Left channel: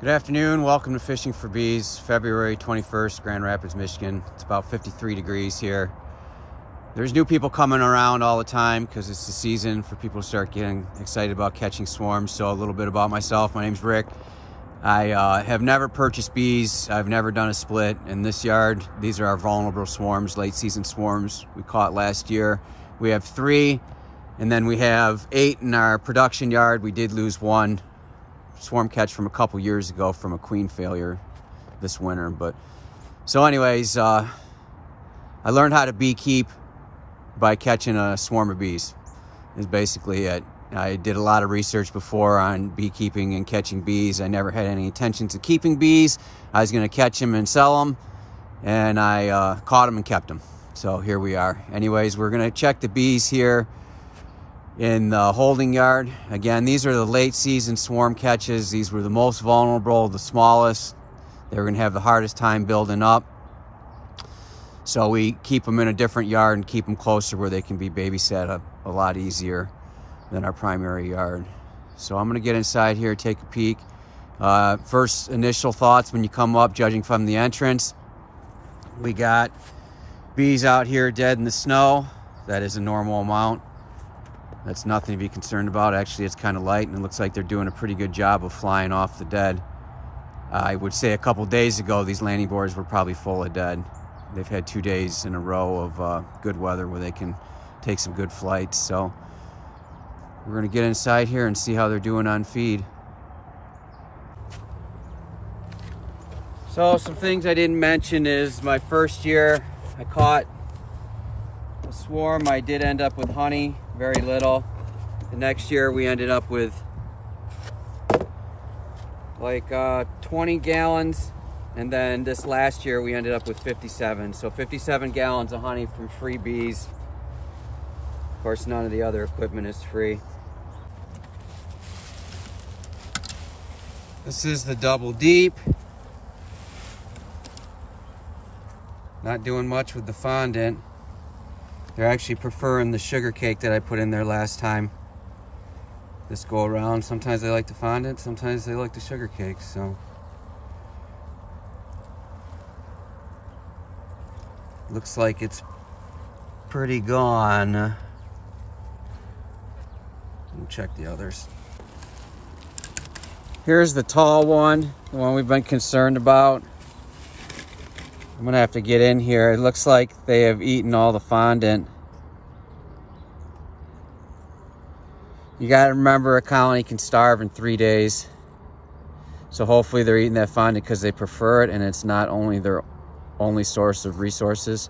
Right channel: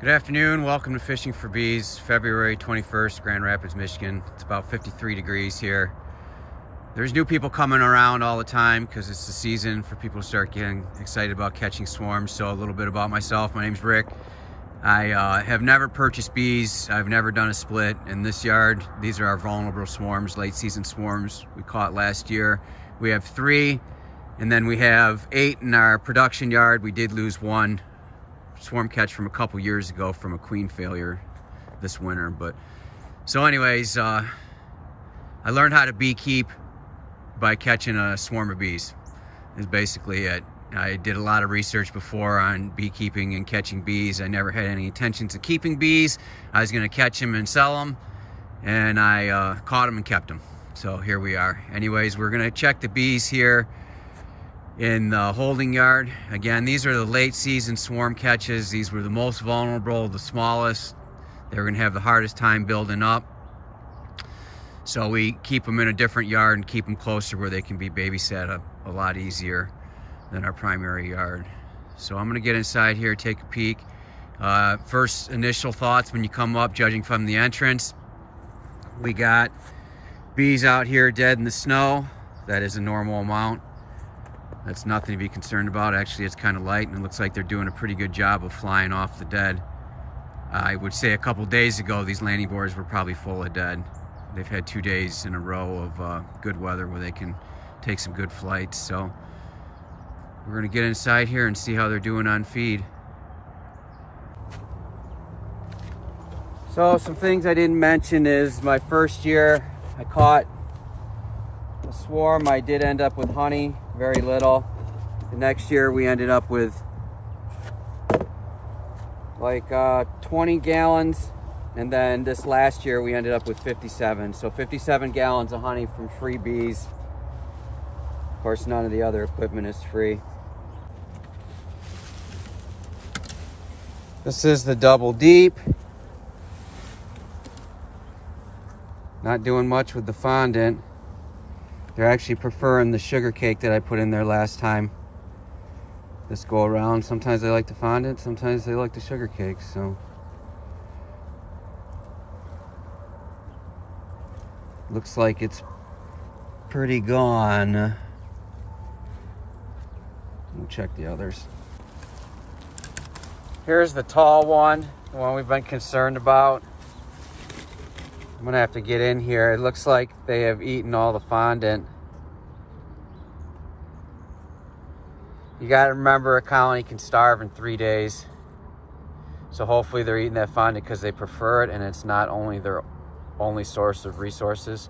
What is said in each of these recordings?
Good afternoon, welcome to Fishing for Bees, February 21st, Grand Rapids, Michigan. It's about 53 degrees here. There's new people coming around all the time because it's the season for people to start getting excited about catching swarms. So a little bit about myself, my name's Rick. I have never purchased bees, I've never done a split. In this yard, these are our vulnerable swarms, late season swarms we caught last year. We have 3, and then we have 8 in our production yard. We did lose 1 swarm catch from a couple years ago from a queen failure this winter. But so anyways, I learned how to beekeep by catching a swarm of bees is basically it. I did a lot of research before on beekeeping and catching bees. I never had any intentions of keeping bees. I was going to catch them and sell them, and I caught them and kept them. So here we are. Anyways, we're going to check the bees here in the holding yard. Again, these are the late season swarm catches. These were the most vulnerable, the smallest. They were gonna have the hardest time building up. So we keep them in a different yard and keep them closer where they can be babysat a lot easier than our primary yard. So I'm gonna get inside here, take a peek. First initial thoughts when you come up, judging from the entrance, we got bees out here dead in the snow. That is a normal amount. That's nothing to be concerned about. Actually, it's kind of light, and it looks like they're doing a pretty good job of flying off the dead. I would say a couple days ago, these landing boards were probably full of dead. They've had 2 days in a row of good weather where they can take some good flights. So we're gonna get inside here and see how they're doing on feed. So some things I didn't mention is my first year, I caught a swarm. I did end up with honey, very little. The next year we ended up with like 20 gallons, and then this last year we ended up with 57. So 57 gallons of honey from Freebees. Of course, none of the other equipment is free. This is the double deep. Not doing much with the fondant. They're actually preferring the sugar cake that I put in there last time. This go around. Sometimes they like the fondant, sometimes they like the sugar cake, so. Looks like it's pretty gone. We'll check the others. Here's the tall one, the one we've been concerned about. I'm gonna have to get in here. It looks like they have eaten all the fondant. You gotta remember, a colony can starve in 3 days. So hopefully they're eating that fondant because they prefer it and it's not only their only source of resources.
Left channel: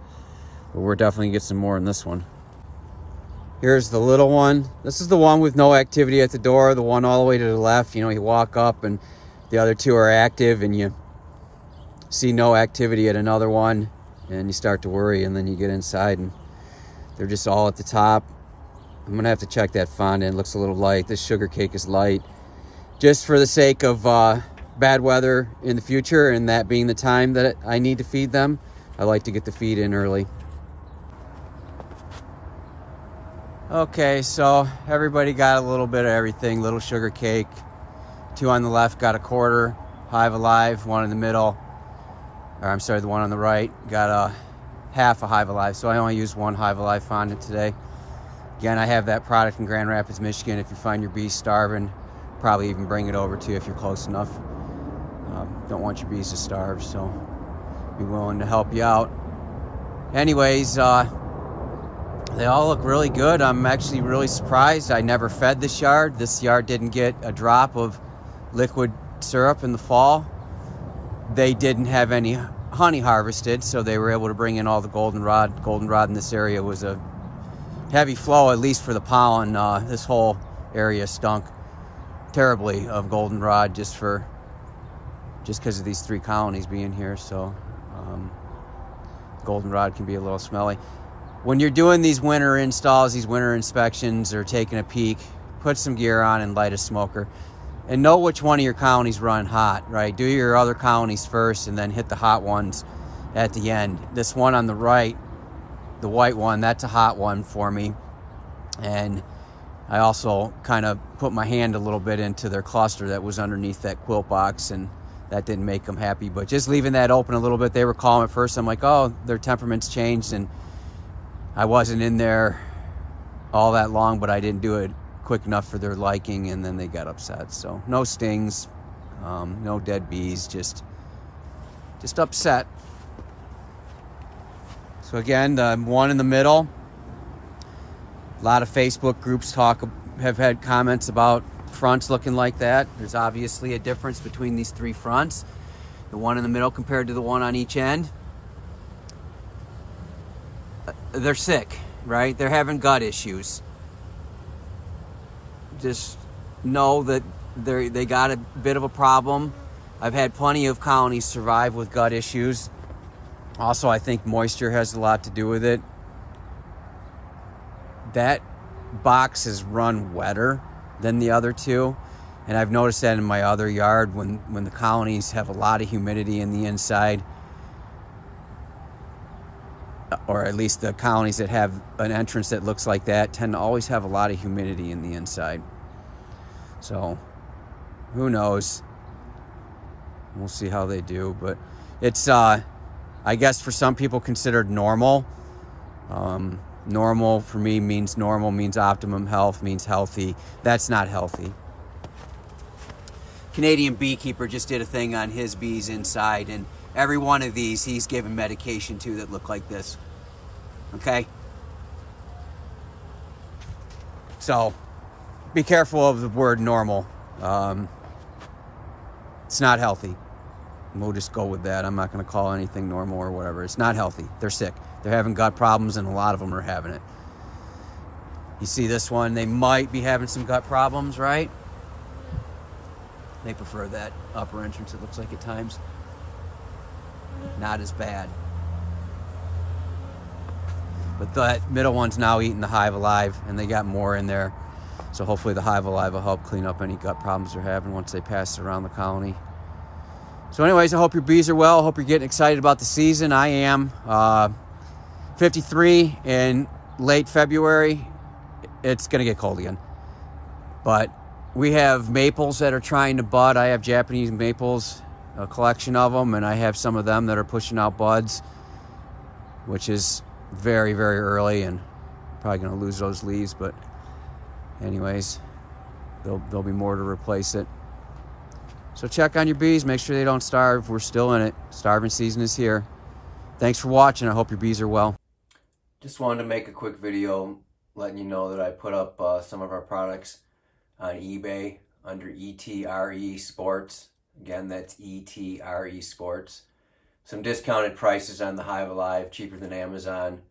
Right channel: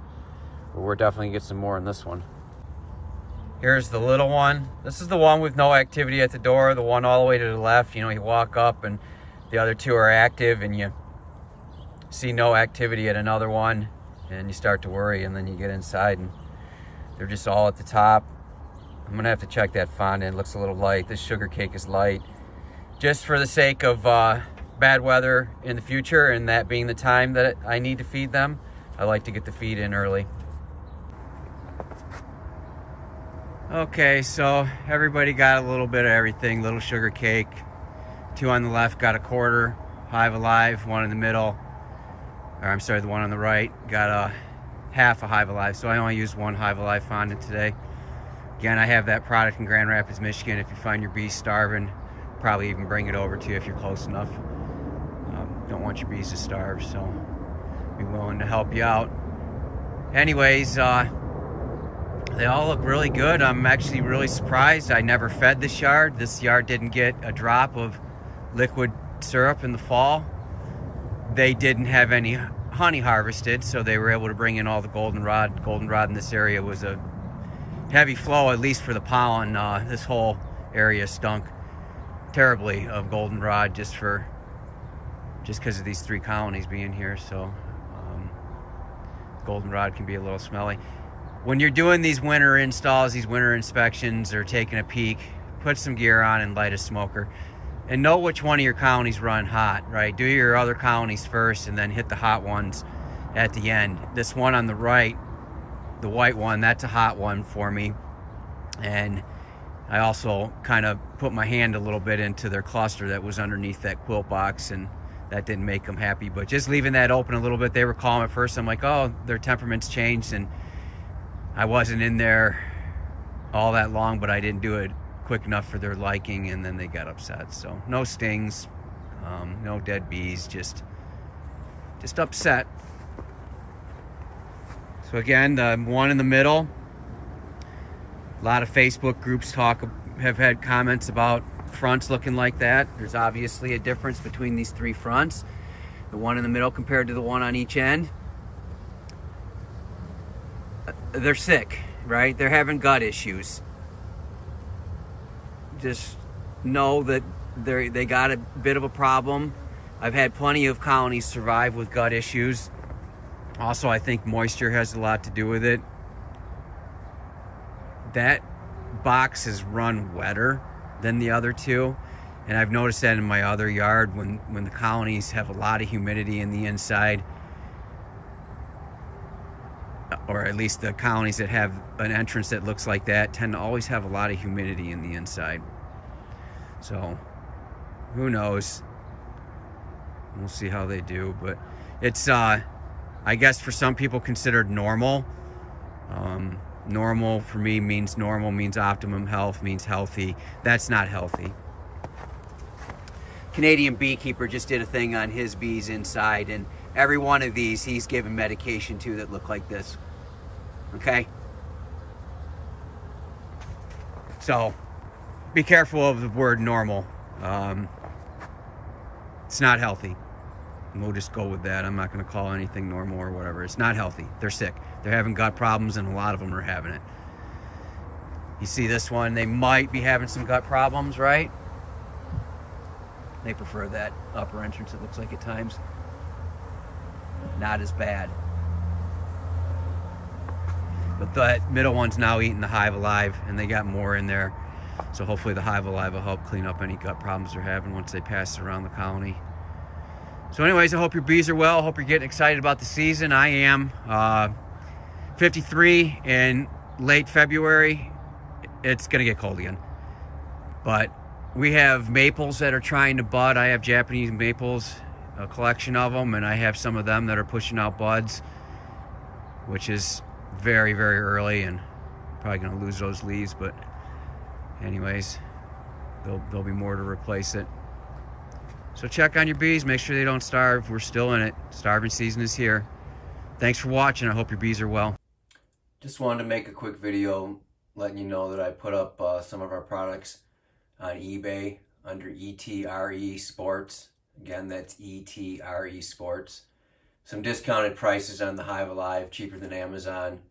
But we're definitely gonna get some more in this one. Here's the little one. This is the one with no activity at the door, the one all the way to the left. You know, you walk up and the other 2 are active, and you see no activity at another one, and you start to worry, and then you get inside and they're just all at the top. I'm gonna have to check that fondant. It looks a little light. This sugar cake is light. Just for the sake of bad weather in the future, and that being the time that I need to feed them, I like to get the feed in early. Okay, so everybody got a little bit of everything. Little sugar cake. 2 on the left got a quarter Hive Alive. 1 in the middle, or I'm sorry, the one on the right got a half a Hive Alive. So I only used 1 Hive Alive fondant today. Again, I have that product in Grand Rapids, Michigan. If you find your bees starving, probably even bring it over to you if you're close enough. Don't want your bees to starve, so be willing to help you out. Anyways, they all look really good. I'm actually really surprised. I never fed this yard. This yard didn't get a drop of liquid syrup in the fall. They didn't have any honey harvested, so they were able to bring in all the goldenrod. Goldenrod in this area was a heavy flow, at least for the pollen. This whole area stunk terribly of goldenrod just because of these 3 colonies being here. So goldenrod can be a little smelly. When you're doing these winter installs, these winter inspections, or taking a peek, put some gear on and light a smoker. And know which one of your colonies run hot, right? Do your other colonies first and then hit the hot ones at the end. This one on the right, the white one, that's a hot one for me. And I also kind of put my hand a little bit into their cluster that was underneath that quilt box, and that didn't make them happy. But just leaving that open a little bit, they were calm at first. I'm like, oh, their temperament's changed, and I wasn't in there all that long, but I didn't do it quick enough for their liking, and then they got upset. So no stings, no dead bees, just upset. So again, the one in the middle, a lot of Facebook groups have had comments about fronts looking like that. There's obviously a difference between these three fronts. The one in the middle compared to the one on each end. They're sick, right? They're having gut issues. Just know that they got a bit of a problem. I've had plenty of colonies survive with gut issues. Also, I think moisture has a lot to do with it. That box is run wetter than the other two, and I've noticed that in my other yard when the colonies have a lot of humidity in the inside, or at least the colonies that have an entrance that looks like that tend to always have a lot of humidity in the inside. So who knows, we'll see how they do. But it's I guess for some people considered normal. Normal for me means optimum health, means healthy. That's not healthy. Canadian beekeeper just did a thing on his bees inside, and every one of these he's given medication to that look like this. Okay? So be careful of the word normal. It's not healthy. And we'll just go with that. I'm not going to call anything normal or whatever. It's not healthy. They're sick. They're having gut problems, and a lot of them are having it. You see this one, they might be having some gut problems, right? They prefer that upper entrance, it looks like at times. Not as bad. But that middle one's now eating the hive alive, and they got more in there. So hopefully the hive alive will help clean up any gut problems they're having once they pass it around the colony. So anyways, I hope your bees are well. I hope you're getting excited about the season. I am. 53 in late February. It's gonna get cold again. But we have maples that are trying to bud. I have Japanese maples, a collection of them, and I have some of them that are pushing out buds, which is very, very early, and probably gonna lose those leaves, but anyways, there'll be more to replace it. So check on your bees, make sure they don't starve. We're still in it. Starving season is here. Thanks for watching. I hope your bees are well. Just wanted to make a quick video letting you know that I put up some of our products on eBay under ETRE Sports. Again, that's ETRE Sports. Some discounted prices on the Hive Alive, cheaper than Amazon.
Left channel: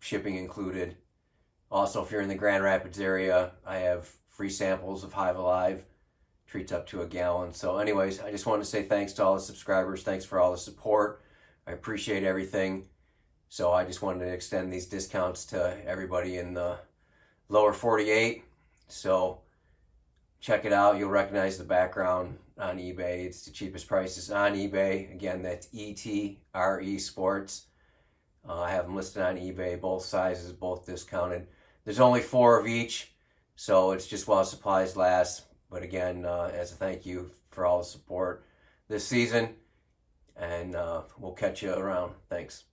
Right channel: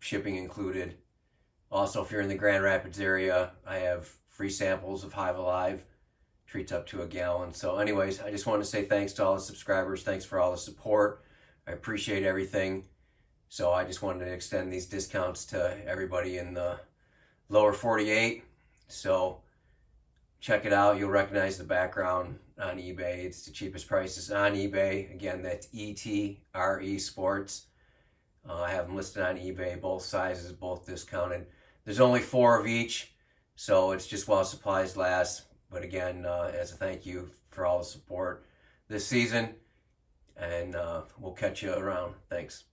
Shipping included. Also, if you're in the Grand Rapids area, I have free samples of Hive Alive. Treats up to a gallon. So anyways, I just want to say thanks to all the subscribers. Thanks for all the support. I appreciate everything. So I just wanted to extend these discounts to everybody in the lower 48. So check it out. You'll recognize the background on eBay. It's the cheapest prices on eBay. Again, that's ETRE Sports. I have them listed on eBay, both sizes, both discounted. There's only 4 of each, so it's just while supplies last. But again, as a thank you for all the support this season, and we'll catch you around. Thanks.